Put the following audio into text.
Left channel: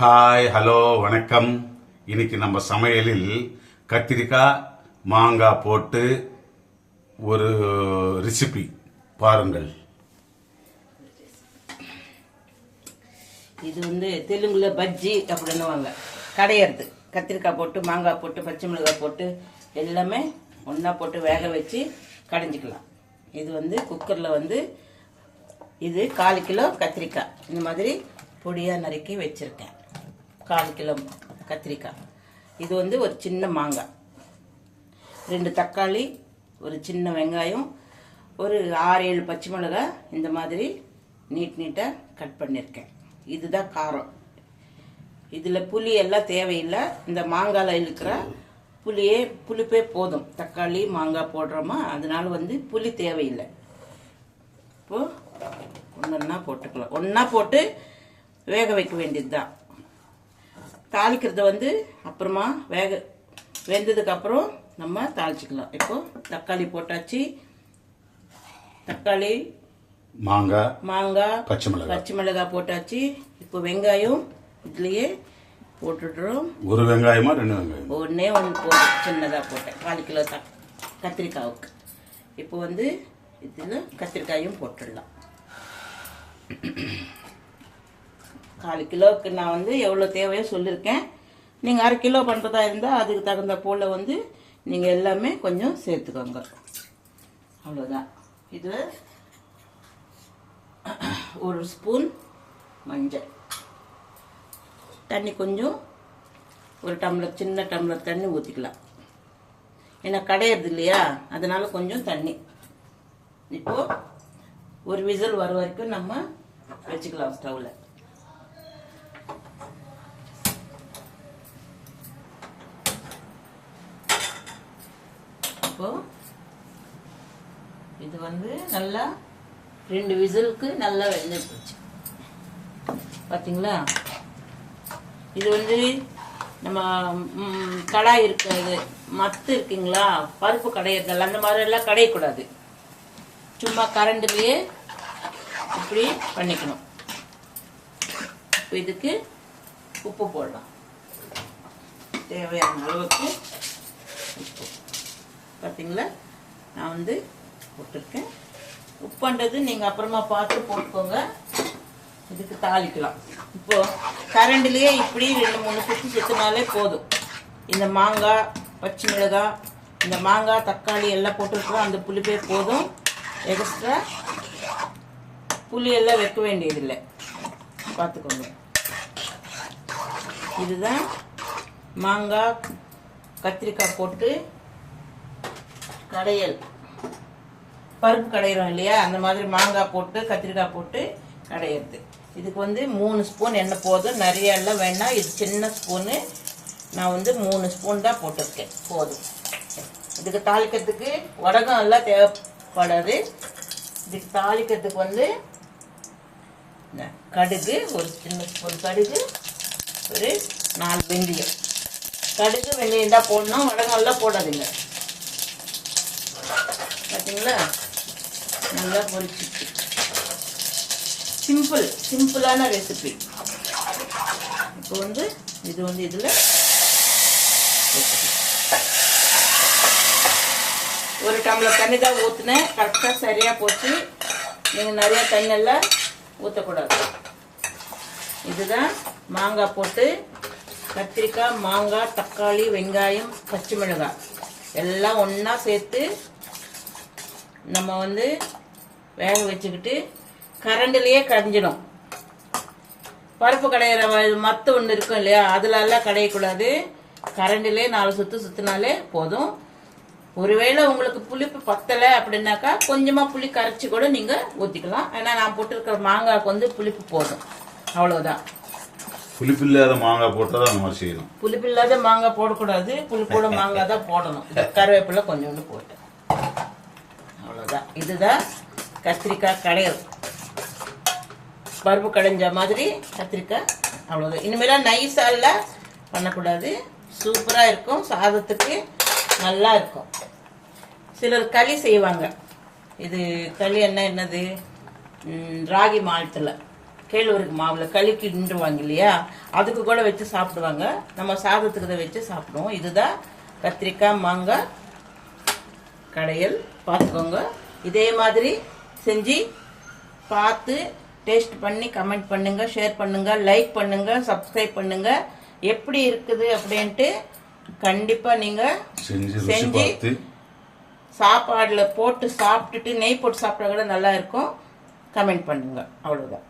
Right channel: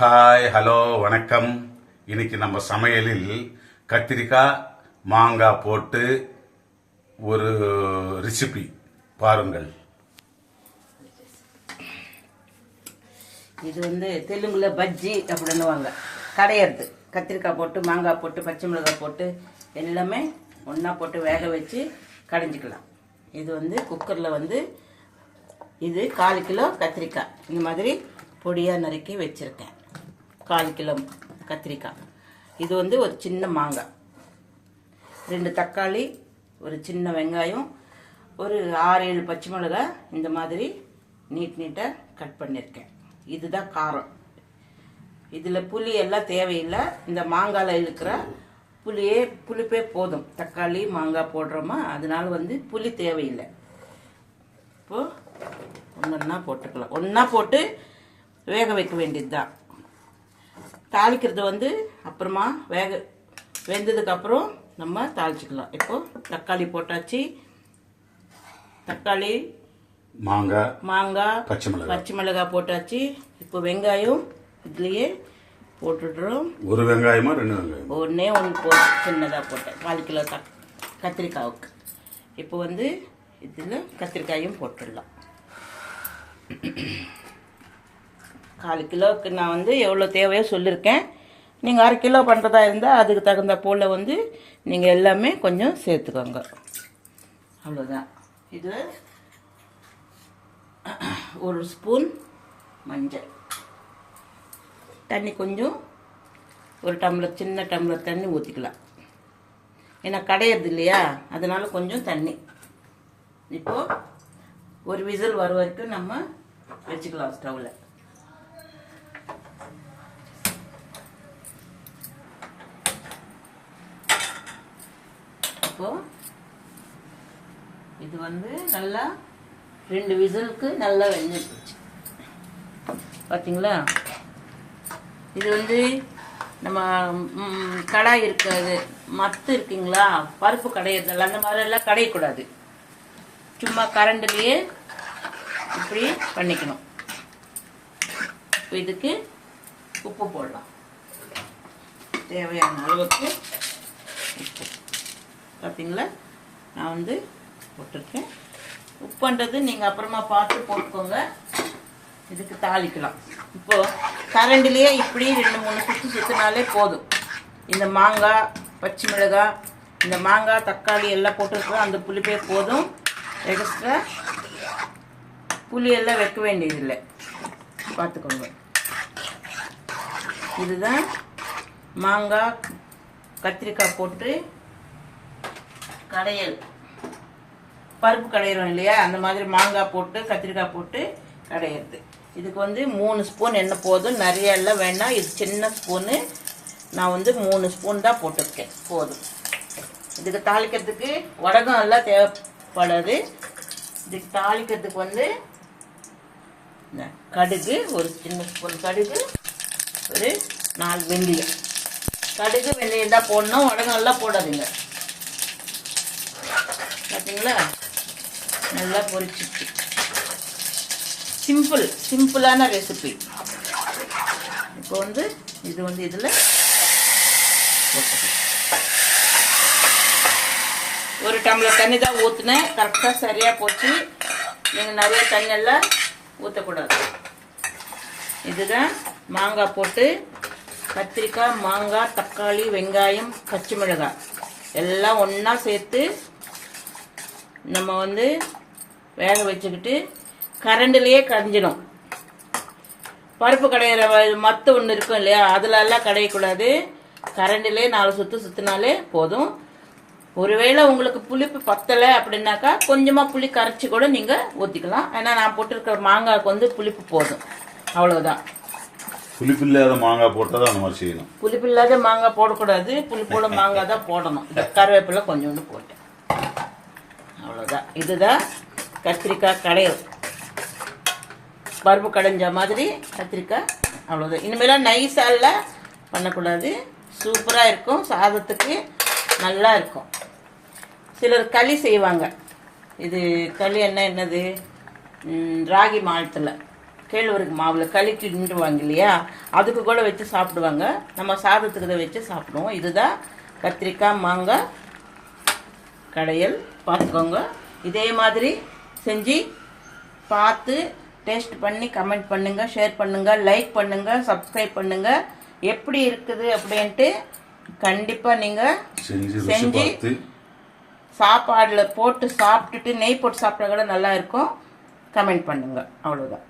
Hi hello வணக்கம். இன்னைக்கு நம்ம சமையலில் கத்திரிக்காய் மாங்காய் போட்டு ஒரு ரெசிபி பாருங்கள். இது வந்து தெலுங்குல பஜ்ஜி அப்படின்னுவாங்க. கடையிறது. கத்திரிக்காய் போட்டு மாங்காய் போட்டு பச்சை மிளகாய் போட்டு எல்லாமே ஒன்றா போட்டு வேக வச்சு கடைஞ்சிக்கலாம். இது வந்து குக்கரில் வந்து இது கால் கிலோ கத்திரிக்காய். இந்த மாதிரி பொடியாக நறுக்கி வச்சுருக்கேன். கால் கிலோ கத்திரிக்காய். இது வந்து ஒரு சின்ன மாங்காய். ரெண்டு தக்காளி ஒரு சின்ன வெங்காயம் ஒரு ஆறு ஏழு பச்சை மிளகாய் இந்த மாதிரி நீட் நீட்டாக கட் பண்ணியிருக்கேன். இதுதான் காரம். இதில் புளி எல்லாம் தேவையில்லை. இந்த மாங்காயில் இருக்கிற புளியே புளிப்பே போதும். தக்காளி மாங்காய் போடுறோமா? அதனால வந்து புளி தேவையில்லை. இப்போ ஒன்றா போட்டுக்கலாம். ஒன்றா போட்டு வேக வைக்க வேண்டியது தான் தாளிக்கிறது வந்து அப்புறமா வேக வெந்ததுக்கு அப்புறம் நம்ம தாளிச்சுக்கலாம். இப்போ தக்காளி போட்டாச்சு. தக்காளி மாங்காய் மாங்காய் பச்சை மிளகாய் பச்சை மிளகாய் போட்டாச்சு. இப்போ வெங்காயம் இதுலயே போட்டுடுறோம். ஒரு வெங்காயமா ரெண்டு வெங்காயம்? ஒன்றே ஒன்று போட்டு சின்னதாக போட்டேன். கால் கிலோ த கத்திரிக்காவுக்கு. இப்போ வந்து இதில் கத்திரிக்காயும் போட்டுடலாம். கால் கிலோவுக்கு நான் வந்து எவ்வளோ தேவையோ சொல்லியிருக்கேன் நீங்கள் அரை கிலோ பண்ணுறதா இருந்தால் அதுக்கு தகுந்த போல் வந்து நீங்கள் எல்லாமே கொஞ்சம் சேர்த்துக்கோங்க. அவ்வளோதான் இது ஒரு ஸ்பூன் மஞ்சள். தண்ணி கொஞ்சம் ஒரு டம்ளர் சின்ன டம்ளர் தண்ணி ஊற்றிக்கலாம் ஏன்னா கடையிறது இல்லையா? அதனால் கொஞ்சம் தண்ணி. இப்போது ஒரு விசில் வர வரைக்கும் நம்ம வச்சுக்கலாம் ஸ்டவ்வில் இப்போ இது வந்து நல்லா ரெண்டு விசிலுக்கு நல்லா வெந்து போச்சு. பார்த்தீங்களா இது வந்து நம்ம கடாய் இருக்கிறது மத்து இருக்குங்களா? பருப்பு கடையிறதெல்லாம் அந்த மாதிரிலாம் கடையக்கூடாது. சும்மா கரண்டுலயே இப்படி பண்ணிக்கணும். இதுக்கு உப்பு போடலாம். தேவையான அளவுக்கு உப்பு. பார்த்தீங்களா நான் வந்து போட்டிருக்கேன். உப்புன்றது நீங்கள் அப்புறமா பார்த்து போட்டுக்கோங்க. இதுக்கு தாளிக்கலாம். இப்போ கரண்டிலேயே இப்படி ரெண்டு மூணு சுற்றி சுற்றினாலே போதும். இந்த மாங்காய் பச்சை மிளகாய் இந்த மாங்காய் தக்காளி எல்லாம் போட்டுருக்கோம் அந்த புளிப்பே போதும். எக்ஸ்ட்ரா புளி எல்லாம் வைக்க வேண்டியதில்லை. பார்த்துக்கோங்க. இதுதான் மாங்காய் கத்திரிக்காய் போட்டு கடையல். பருப்பு கடையிறோம் இல்லையா? அந்த மாதிரி மாங்காய் போட்டு கத்திரிக்காய் போட்டு கடையிறது. இதுக்கு வந்து மூணு ஸ்பூன் எண்ணெய் போதும். நிறைய எல்லாம் வேணாம். இது சின்ன ஸ்பூனு. நான் வந்து மூணு ஸ்பூன் தான் போட்டிருக்கேன். போதும். இதுக்கு தாளிக்கிறதுக்கு உடகம் எல்லாம் தேவைப்படாது. இதுக்கு தாளிக்கிறதுக்கு வந்து கடுகு ஒரு சின்ன ஸ்பூன் கடுகு ஒரு நாலு வெந்தயம். கடுகு வெந்தயம் தான் போடணும். உடகம் எல்லாம் போடாதீங்க. பார்த்தீங்களா? நல்லா பொரிச்சிச்சு. சிம்பிள் சிம்பிளான ரெசிபி இப்போ வந்து இது வந்து இதில் ஒரு டம்ளர் தண்ணி தான் ஊற்றினேன் கரெக்டாக சரியாக போச்சு. நீங்கள் நிறைய தண்ணியெல்லாம் ஊற்றக்கூடாது இதுதான் மாங்காய் போட்டு கத்திரிக்காய் மாங்காய் தக்காளி வெங்காயம் பச்சை மிளகாய். எல்லாம் ஒன்றா சேர்த்து நம்ம வந்து வேக வச்சுக்கிட்டு கரண்டிலேயே கரைஞ்சிடும். பருப்பு கடையிற மத்து ஒன்று இருக்கும் இல்லையா அதுல எல்லாம் கடையக்கூடாது. கரண்டிலே நாலு சுத்து சுத்தினாலே போதும். ஒருவேளை உங்களுக்கு புளிப்பு பத்தலை அப்படின்னாக்கா கொஞ்சமா புளி கரைச்சி கூட நீங்க ஊத்திக்கலாம். ஏன்னா நான் போட்டிருக்கிற மாங்காய்க்கு வந்து புளிப்பு போதும். அவ்வளவுதான். புளிப்பில்லாத மாங்காய் போட்டால் தான் அந்த மாதிரி செய்யணும். புளிப்பு இல்லாத மாங்காய் போடக்கூடாது. புளிப்போட மாங்காய் தான் போடணும். கருவேப்பிலை கொஞ்சோண்டு போட்டேன். அவ்வளோதான் இதுதான் கத்திரிக்காய் கடையல். பருப்பு கடைஞ்ச மாதிரி கத்திரிக்காய் அவ்வளோதான் இனிமேலாம் நைஸாலாம் பண்ணக்கூடாது. சூப்பராக இருக்கும். சாதத்துக்கு நல்லா இருக்கும். சிலர் களி செய்வாங்க. இது களி என்ன என்னது? ராகி மாவட்டத்தில் கேழ்வரகு மாவில் களி கிண்டுவாங்க இல்லையா? அதுக்கு கூட வச்சு சாப்பிடுவாங்க. நம்ம சாதத்துக்கு இதை வச்சு சாப்பிடுவோம். இதுதான் கத்திரிக்காய் மாங்காய் கடையல். பார்த்துக்கோங்க. இதே மாதிரி செஞ்சு பார்த்து டேஸ்ட் பண்ணி கமெண்ட் பண்ணுங்க ஷேர் பண்ணுங்க லைக் பண்ணுங்க சப்ஸ்கிரைப் பண்ணுங்க. எப்படி இருக்குது அப்படின்ட்டு கண்டிப்பா நீங்க செஞ்சு சாப்பாடுல போட்டு சாப்பிட்டுட்டு நெய் போட்டு சாப்பிட்டா கூட நல்லா இருக்கும். கமெண்ட் பண்ணுங்க. அவ்வளவுதான்.